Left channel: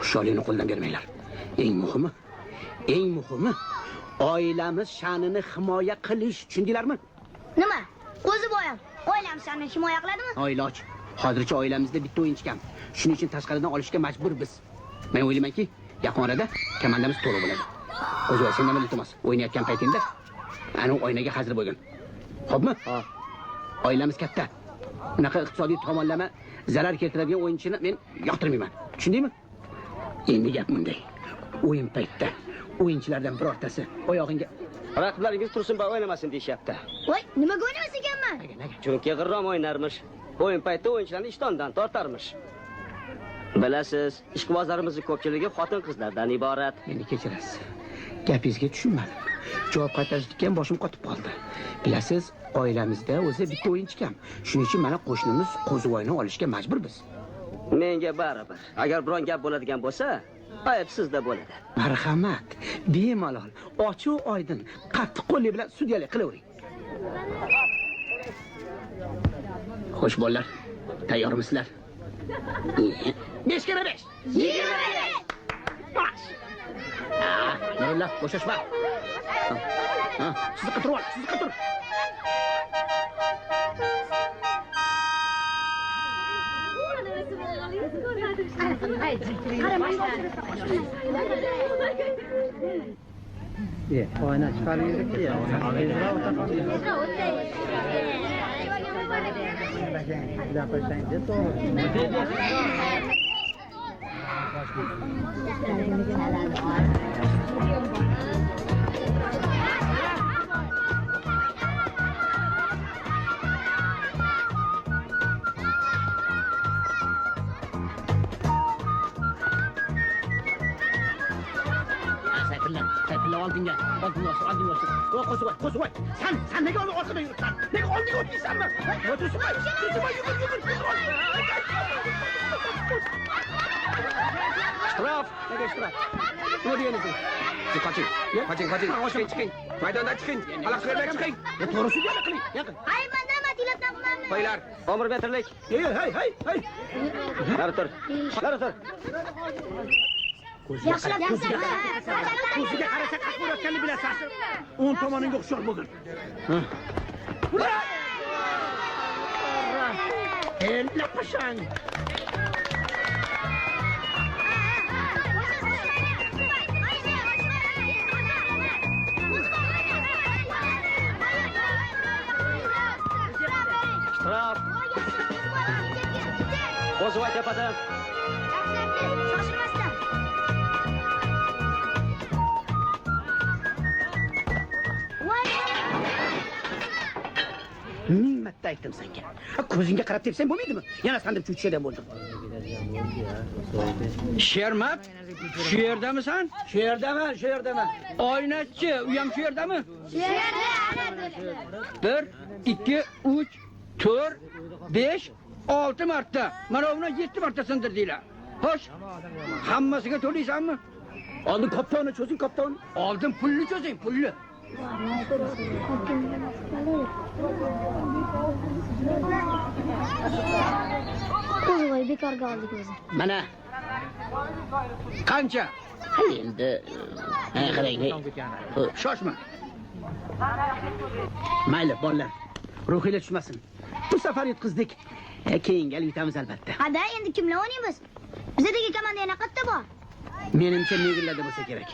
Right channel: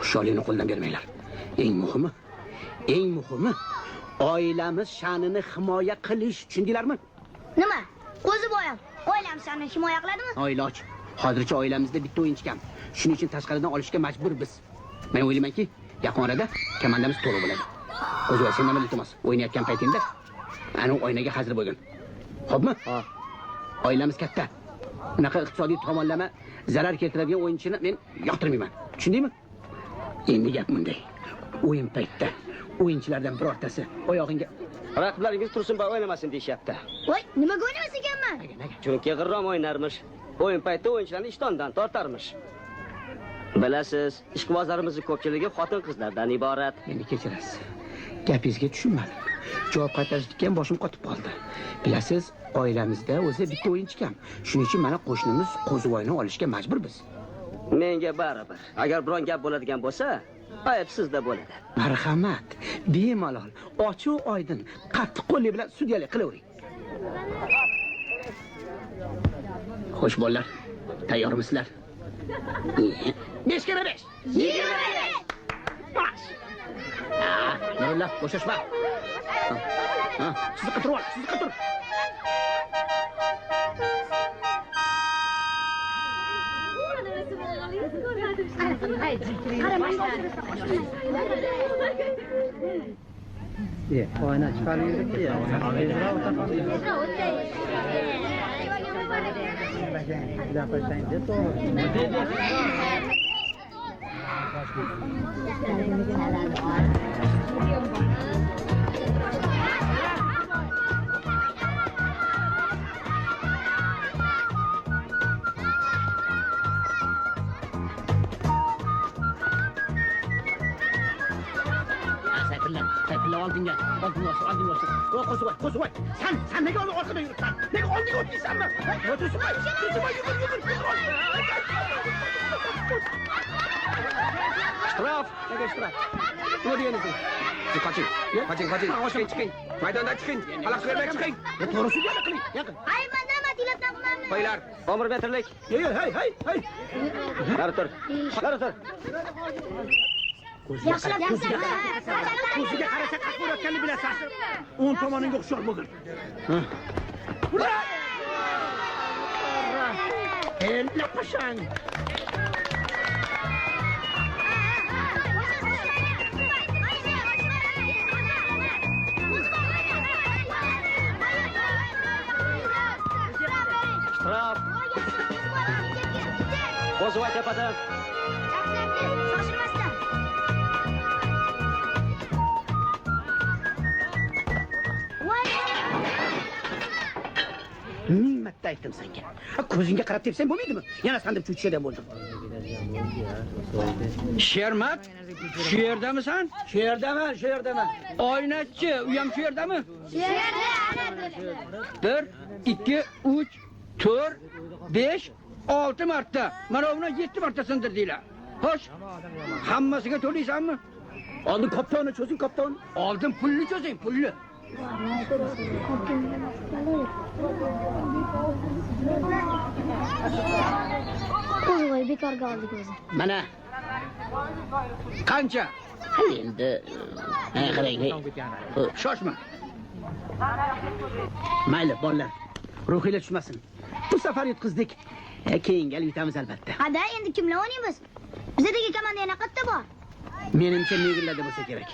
Xushyorlikni qo'ldan bermanglar. Eng muhimi oilamiz sha'nini himoya qilish, tushundinglarmi? Nima? O'zi boyam oilamiz sha'nini himoya qiladimi? Oiloj. Hozircha oilamizda bitta o'yinchi kam. Shuning uchun tashqaridan olishga majbur biz. Men o'ylaymanki, yaqin orada komandamiz to'liq bo'ladi. O'zi sendan iltimos, o'ynayotgan paytingda ana oynaga hazır bo'lgin. Xo'pmi? Oilamiz katta. Bunaqa iqtisodiy tomonlama zarar keltiradigan o'yinchini men yoqtirmayman. Tushundingmi? Endi gap bunday. O'yin paytida o'yinchilardan birortasi oyog'ingga raqiblaringiz Tursunboy o'ynamasin deyapti. Voy, nimaga o'ynamas ekanman? Chunki g'irrom o'ynarmish. O'yin paytida o'yinchilarni ishtondan tortarmish. Bilasiz, ishqibozlarimizning ko'pchiligi xotin-qizlardan iborat. Meni kechirasiz. Gapingizga tushunmadim. Javob qaytarishga ham boshim qotib qoldi. Bilasiz, oilamizda o'zi bitta o'yinchi kam. Shuning uchun mana qo'shnimiz Qo'zivoyni olishga majburmiz. Menga baribir. Agar biron gap bo'ladigan bo'lsa, ayb sizda bo'ladi. Marhamat, bemalol, ochiq oydin, qattiq qo'llik bilan sudyalik qilavering. Xo'sh bolalar, tayyormisizlar? 5 ga 5. 25. Baş. Nurullah, bo'shashma. Sizni qidirib ol, sizni qidir. Oyna chiqarib yurdik ya. Sayfullah oldinga. Qo'zivoy. Sen nega orqadan yuribsan? Nega oldinga o'tmaysanmi? Tursunboy, yugur. Shtrof, nega shtrof? Nima deganingiz? Siz qoching. Chiqing. Maydondan chiqing. Xalaq bermay chiqing. To'g'risi yo'q qiling. Yaqin. Ay, men nima tilabdan qilmayman. Qo'ylar, omir metrlik. Hey. Nari tur. Yaxshilab ko'ziga qarasa qasqurayotganini bilasan. 10 tomoningga o'xshar bo'lgin. Ura! Endi qo'shang. Shtrof. Qo'zivoy tepadan. Ming marta aytdim senga. Ko'zingga qarab tepsang bo'lmaydimi? Yana sandirib cho'chishdan bo'ldim. Shermat, shu yerdamisan? Shu yerdaman. Oynachi, u ham shu yerdami? Shu yerda. 1, 2, 3, 4, 5, 6 marta. Mana uni 7 marta sindirdinglar. Xo'sh, hammasiga to'laysanmi? Oldin kaptonni cho'zing, kapton. Oldin pulni cho'zing, pulni. Qo'zivoy bekorga oldik o'zi. Mana. Qancha? Endi qarang. Shoshma. Mayli, bolalar. Ruhinglar tushmasin. Bu safar yutqizdik. Keyin gal yutamiz albatta. Hada, endi kimlar o'ynaymiz? Bizdagi komanda yana qayerda bor? Menimcha Negillarda bo'lsa kerak.